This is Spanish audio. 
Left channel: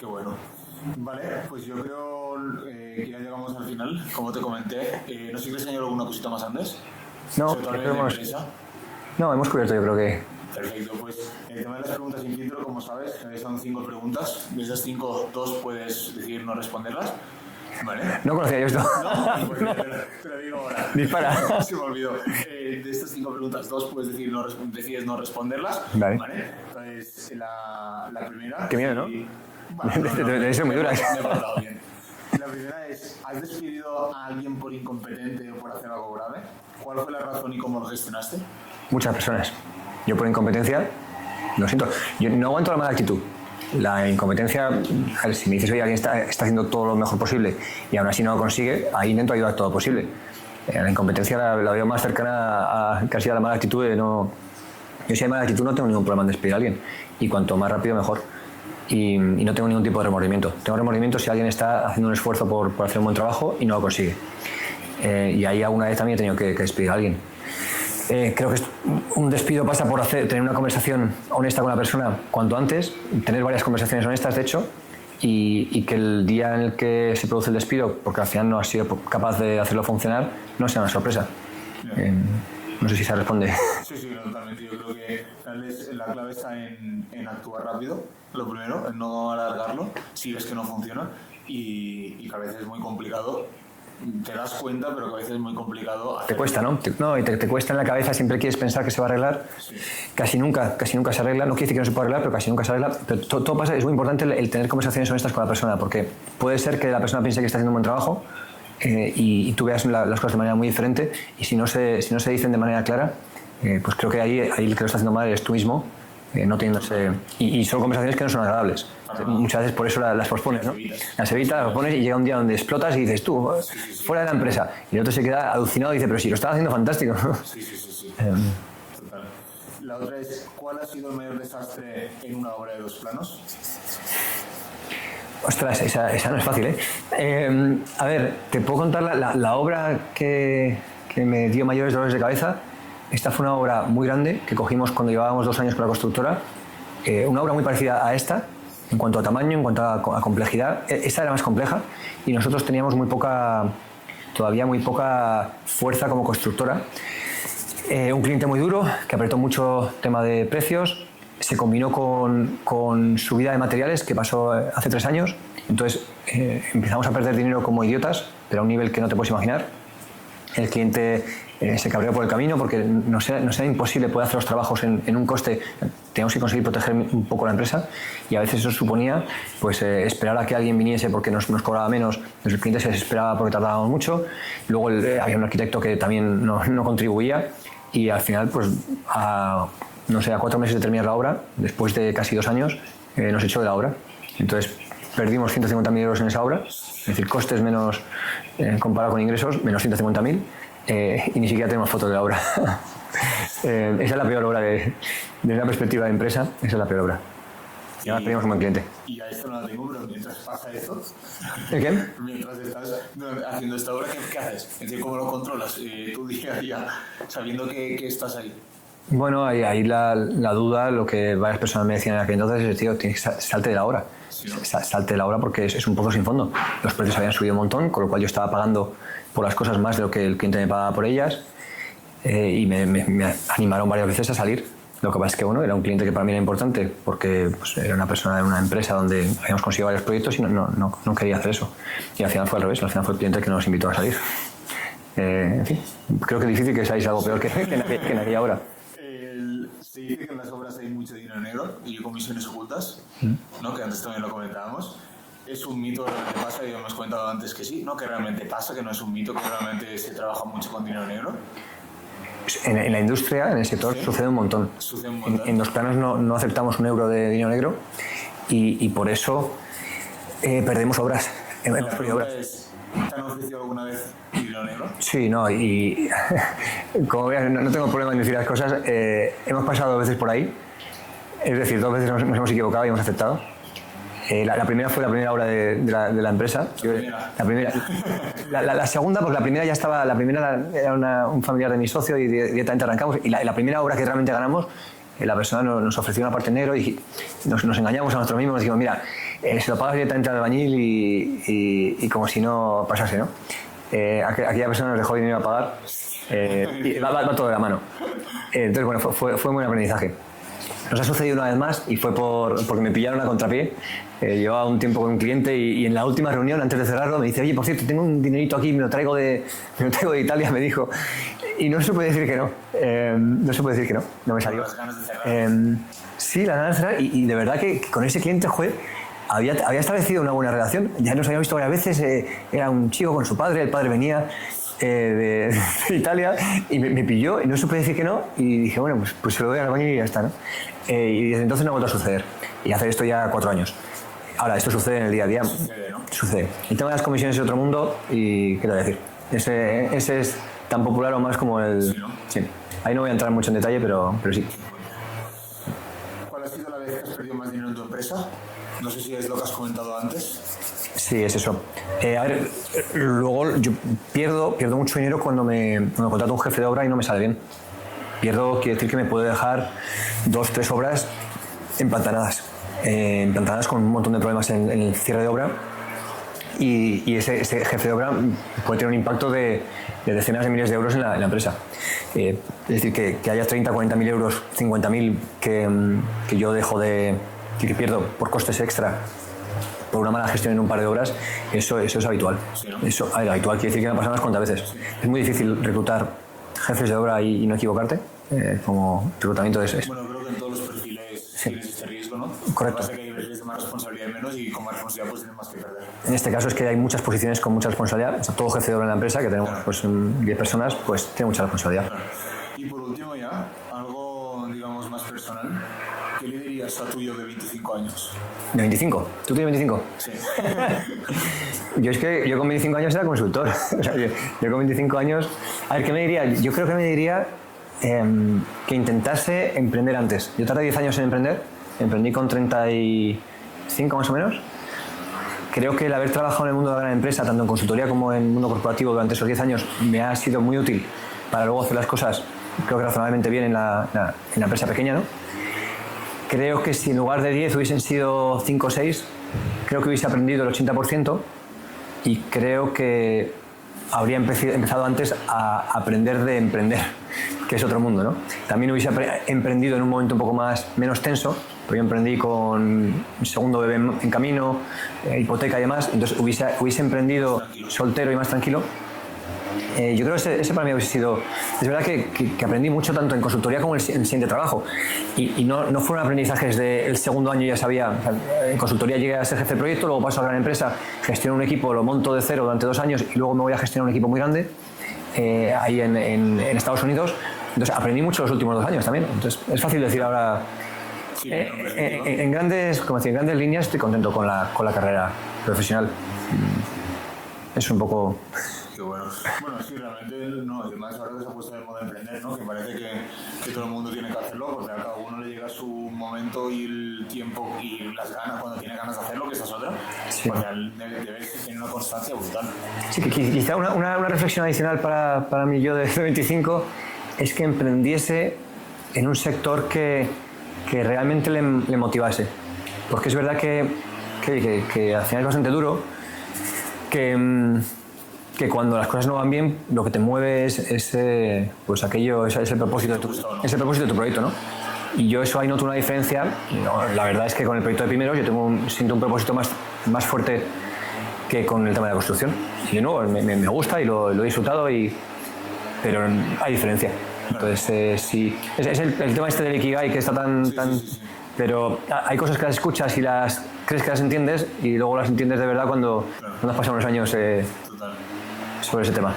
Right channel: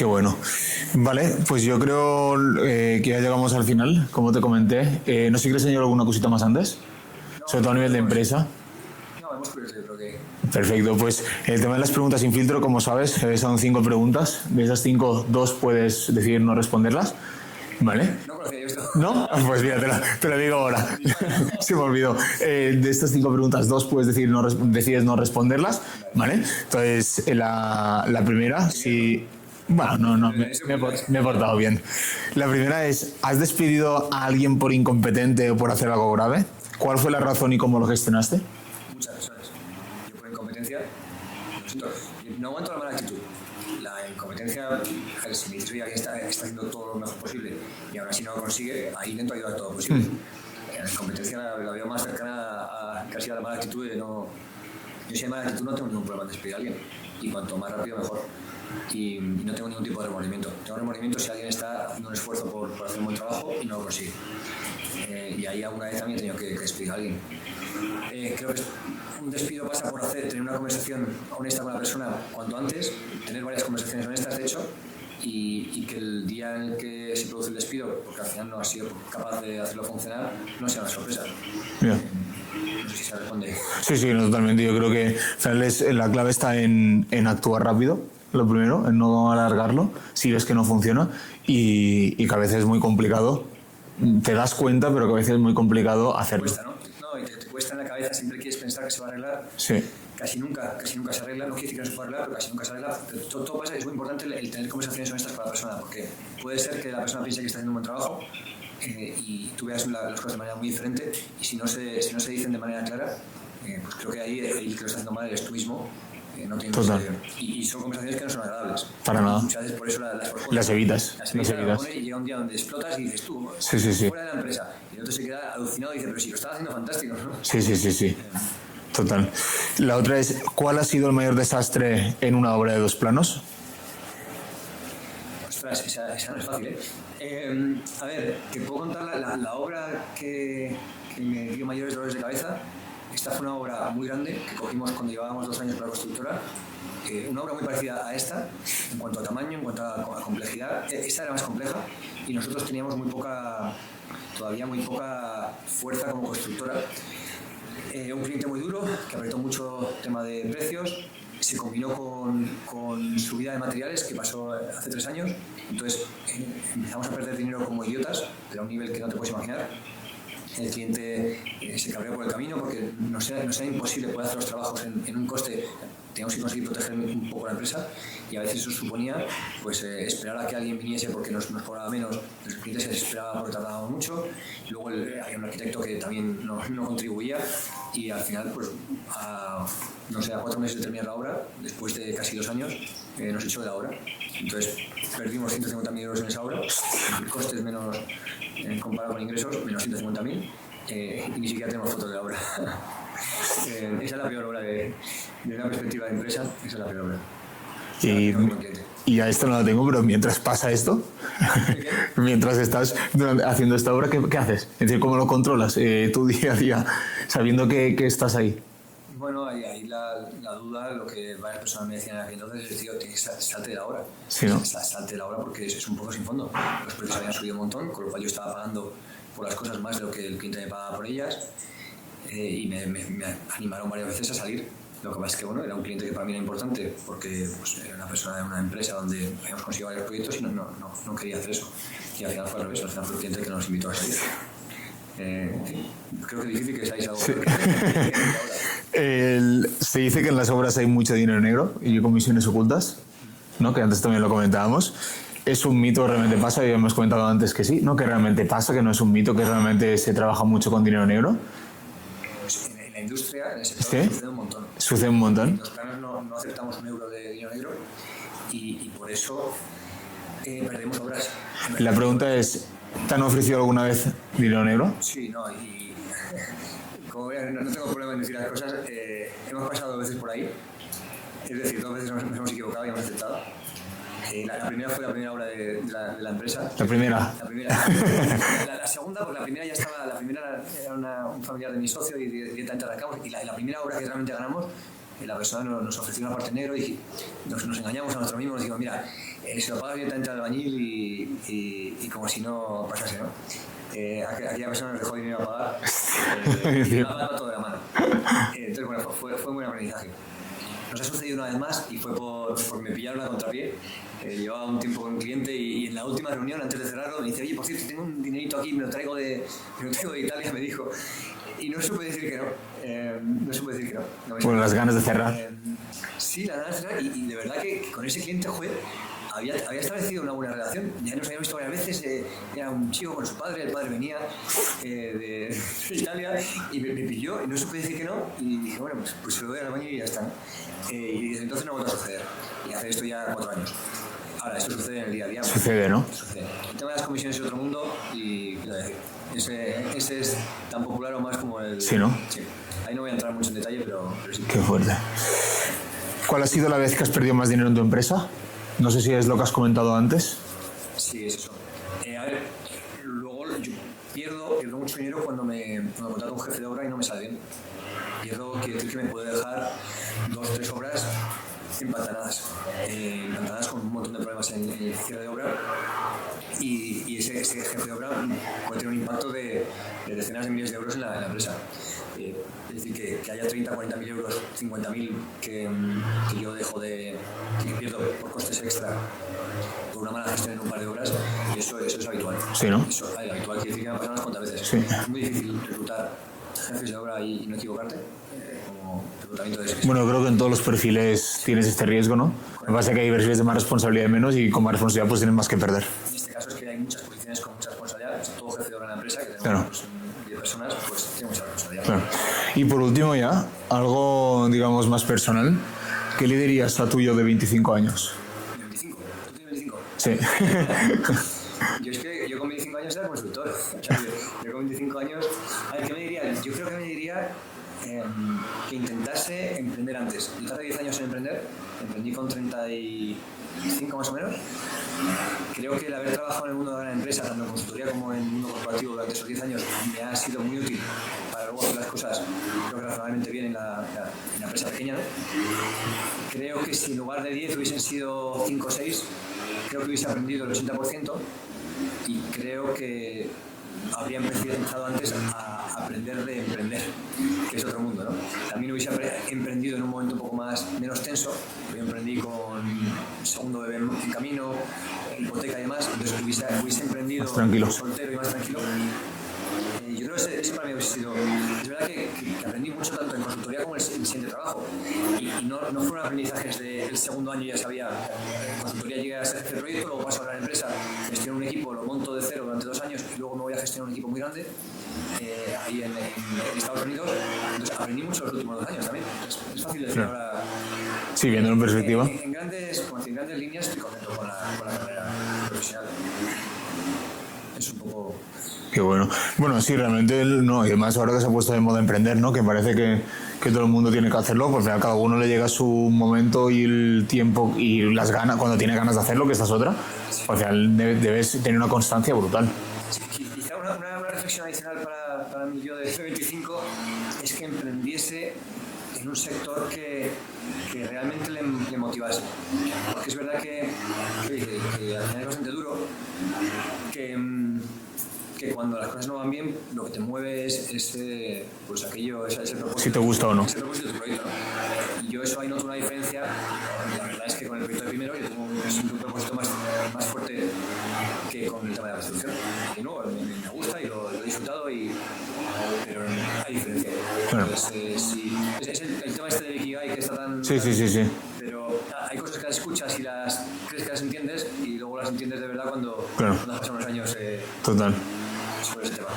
Qué bueno. Vale, pues yo creo que ya llegamos al final, como te comenté. No sé si quieres añadir alguna cosita más antes, No, sobre todo a nivel de empresa. No, hemos cubierto, yo creo que... Perfecto, pues el tema de las preguntas sin filtro, como sabes, son 5 preguntas. De esas 5, 2 puedes decidir no responderlas. ¿Vale? No conocía yo esto. ¿No? Pues mira, te lo digo ahora. Dispara. Se me olvidó. De estas 5 preguntas, 2 puedes decides no responderlas. Vale. Entonces, la primera... Qué miedo, si... Bueno, me he portado bien. La primera es, ¿has despedido a alguien por incompetente o por hacer algo grave? ¿Cuál fue la razón y cómo lo gestionaste? Muchas personas. Yo por incompetencia, lo siento, yo no aguanto la mala actitud. La incompetencia, a ver, si me dices, oye, alguien está haciendo todo lo mejor posible y aún así no lo consigue, ahí intento ayudar todo lo posible. La incompetencia la veo más cercana a casi a la mala actitud. Yo si hay mala actitud no tengo ningún problema en despedir a alguien y cuanto más rápido mejor. Y no tengo ningún tipo de remordimiento. Tengo remordimiento si alguien está haciendo un esfuerzo por hacer un buen trabajo y no lo consigue. Y ahí alguna vez también he tenido que despedir a alguien. Creo que un despido pasa por tener una conversación honesta con la persona cuanto antes, tener varias conversaciones honestas, de hecho, y que el día en el que se produce el despido, porque al final no has sido capaz de hacerlo funcionar, no sea una sorpresa. No sé si se responde. Sí, no, totalmente. Yo creo que al final la clave está en actuar rápido, lo primero, en no alargarlo, si ves que no funciona, y que a veces es muy complicado. Te das cuenta, pero que a veces es muy complicado hacerlo. Te cuesta, ¿no? Te cuesta en la cabeza, siempre quieres pensar que se va a arreglar. Sí. Casi nunca se arregla. No quiere decir que no se pueda arreglar, pero casi nunca se arregla. Pero todo pasa, es muy importante el tener conversaciones honestas con la persona, porque puede ser que la persona piense que está haciendo un buen trabajo y tú veas las cosas de manera muy diferente, y si no se dicen de manera clara, pues creo que ahí el que lo está haciendo mal eres tú mismo. No teniendo y son conversaciones que no son agradables. Muchas veces por eso las pospones. Las evitas. Las pones y llega un día donde explotas y dices tú, fuera de la empresa. Y el otro se queda alucinado y dice, pero si lo estás haciendo fantástico. Sí. Total. La otra es, ¿cuál ha sido el mayor desastre en una obra de 2 planos? Ostras, esa no es fácil, ¿eh? A ver, te puedo contar la obra que me dio mayores dolores de cabeza. Esta fue una obra muy grande que cogimos cuando llevábamos 2 años con la constructora. Una obra muy parecida a esta en cuanto a tamaño, en cuanto a complejidad. Esta era más compleja y nosotros teníamos todavía muy poca fuerza como constructora. Un cliente muy duro que apretó mucho tema de precios. Se combinó con subida de materiales que pasó hace 3 años. Entonces empezamos a perder dinero como idiotas, pero a un nivel que no te puedes imaginar. El cliente se cabreó por el camino porque nos era imposible poder hacer los trabajos en un coste. Teníamos que conseguir proteger un poco la empresa y a veces eso suponía pues, esperar a que alguien viniese porque nos cobraba menos. El cliente se desesperaba porque tardábamos mucho. Luego había un arquitecto que también no contribuía y al final, pues, a 4 meses de terminar la obra, después de casi 2 años, nos echó de la obra. Entonces perdimos 150.000 euros en esa obra, es decir, costes menos comparado con ingresos, menos 150.000, y ni siquiera tenemos fotos de la obra. Esa es la peor obra desde una perspectiva de empresa, esa es la peor obra. Y la tenemos como cliente. Y a esto no la tengo, pero mientras pasa esto, ¿Qué? mientras estás haciendo esta obra, ¿qué haces? Es decir, ¿cómo lo controlas tu día a día, sabiendo que estás ahí? Bueno, ahí la duda, lo que varias personas me decían en aquel entonces es, tío, tienes que salte de la obra. Sí, ¿no? Salte de la obra porque es un pozo sin fondo. Los precios habían subido un montón, con lo cual yo estaba pagando por las cosas más de lo que el cliente me pagaba por ellas, y me animaron varias veces a salir. Lo que pasa es que bueno, era un cliente que para mí era importante porque pues, era una persona de una empresa donde habíamos conseguido varios proyectos y no quería hacer eso. Y al final fue al revés, al final fue el cliente que nos invitó a salir. En fin, creo que es difícil que seáis algo peor que aquí ahora. Se dice que en las obras hay mucho dinero negro y comisiones ocultas, ¿no? Que antes también lo comentábamos. ¿Es un mito, realmente pasa? Ya hemos comentado antes que sí, ¿no? Que realmente pasa, que no es un mito, que realmente se trabaja mucho con dinero negro. En la industria, en el sector, ¿sí? Sucede un montón. Sucede un montón. En los planos no aceptamos un euro de dinero negro y por eso perdemos obras. La pregunta es, ¿te han ofrecido alguna vez dinero negro? Sí, y como veas, no tengo problema en decir las cosas. Hemos pasado 2 veces por ahí, es decir, 2 veces nos hemos equivocado y hemos aceptado. La primera fue la primera obra de la empresa. La primera. La segunda, porque la primera ya estaba, la primera era un familiar de mi socio y directamente arrancamos. Y la primera obra que realmente ganamos, la persona nos ofreció una parte en negro y nos engañamos a nosotros mismos. Nos dijimos, mira, se lo pagas directamente al albañil y como si no pasase, ¿no? Aquella persona nos dejó dinero a pagar y va todo de la mano. Entonces, bueno, fue un buen aprendizaje. Nos ha sucedido una vez más y fue porque me pillaron a contrapié. Llevaba un tiempo con un cliente y en la última reunión, antes de cerrarlo, me dice: oye, por cierto, tengo un dinerito aquí, me lo traigo de Italia, me dijo. Y no supe decir que no. No supe decir que no. No me salió. Con las ganas de cerrar. Sí, las ganas de cerrar. Y de verdad que con ese cliente, había establecido una buena relación. Ya nos habíamos visto varias veces. Era un chico con su padre, el padre venía de Italia y me pilló y no supe decir que no. Y dije, bueno, pues se lo doy al baño y ya está, ¿no? Y desde entonces no ha vuelto a suceder. Y hace esto ya 4 años. Ahora, esto sucede en el día a día. Sucede, ¿no? Sucede. El tema de las comisiones es otro mundo y, ¿qué te voy a decir? Ese es tan popular o más como el... Sí, ¿no? Sí. Ahí no voy a entrar mucho en detalle, pero sí. Qué fuerte. ¿Cuál ha sido la vez que has perdido más dinero en tu empresa? No sé si es lo que has comentado antes. Sí, es eso. A ver, luego yo pierdo mucho dinero cuando me contrato un jefe de obra y no me sale bien. Quiere decir que me puede dejar 2, 3 obras empantanadas. Empantanadas con un montón de problemas en el cierre de obra. Y ese jefe de obra puede tener un impacto de decenas de miles de euros en la empresa. Es decir, que haya 30, 40.000 euros, 50.000 que yo dejo que pierdo por costes extra por una mala gestión en un par de obras, eso es habitual. Sí, ¿no? Eso, habitual quiere decir que me ha pasado unas cuantas veces. Sí. Es muy difícil reclutar jefes de obra y no equivocarte. Como reclutamiento es. Bueno, creo que en todos los perfiles tienes este riesgo, ¿no? Correcto. Lo que pasa es que hay perfiles de más responsabilidad y menos, y con más responsabilidad pues tienes más que perder. En este caso es que hay muchas posiciones con mucha responsabilidad. O sea, todo jefe de obra en la empresa, que tenemos claro, pues 10 personas, pues tiene mucha responsabilidad. Claro. Y por último ya, algo digamos más personal, ¿qué le dirías a tu yo de 25 años? ¿De 25? ¿Tú tienes 25? Sí. Yo con 25 años era consultor. O sea, yo con 25 años... A ver, ¿qué me diría? Yo creo que me diría que intentase emprender antes. Yo tardé 10 años en emprender. Emprendí con 35 más o menos. Creo que el haber trabajado en el mundo de la gran empresa, tanto en consultoría como en el mundo corporativo durante esos 10 años, me ha sido muy útil para luego hacer las cosas, creo que razonablemente bien en la empresa pequeña, ¿no? Creo que si en lugar de 10 hubiesen sido 5 o 6, creo que hubiese aprendido el 80% y creo que habría empezado antes a aprender de emprender, que es otro mundo, ¿no? También hubiese emprendido en un momento un poco menos tenso, porque yo emprendí con un segundo bebé en camino, hipoteca y demás, entonces hubiese emprendido soltero y más tranquilo. Yo creo que ese para mí hubiese sido... Es verdad que aprendí mucho tanto en consultoría como en el siguiente trabajo. Y no fueron aprendizajes del segundo año, ya sabía. En consultoría llegué a ser jefe de proyecto, luego paso a gran empresa, gestiono un equipo, lo monto de cero durante 2 años y luego me voy a gestionar un equipo muy grande ahí en Estados Unidos. Entonces aprendí mucho los últimos 2 años también. Entonces es fácil decir ahora... Sí, en perspectiva. En grandes líneas estoy contento con la carrera profesional. Es un poco... Qué bueno. Bueno, sí, realmente no, y además ahora que se ha puesto de moda emprender, ¿no? Que parece que todo el mundo tiene que hacerlo, porque a cada uno le llega su momento y el tiempo y las ganas, cuando tiene ganas de hacerlo, que esta es otra. Sí. Al final debes tener una constancia brutal. Sí, que quizá una reflexión adicional para mí yo de 25 es que emprendiese en un sector que realmente le motivase. Porque es verdad que al final es bastante duro, que cuando las cosas no van bien, lo que te mueve es pues aquello, es el propósito. Si te gusta o no. Es el propósito de tu proyecto, ¿no? Y yo eso ahí noto una diferencia. La verdad es que con el proyecto de Primeros yo siento un propósito más fuerte que con el tema de la construcción. Y de nuevo, me gusta y lo he disfrutado, pero hay diferencia. Claro. Entonces, sí, es el tema este del Ikigai que está tan... Sí. Pero hay cosas que las escuchas y crees que las entiendes y luego las entiendes de verdad cuando has pasado unos años Total. sobre ese tema.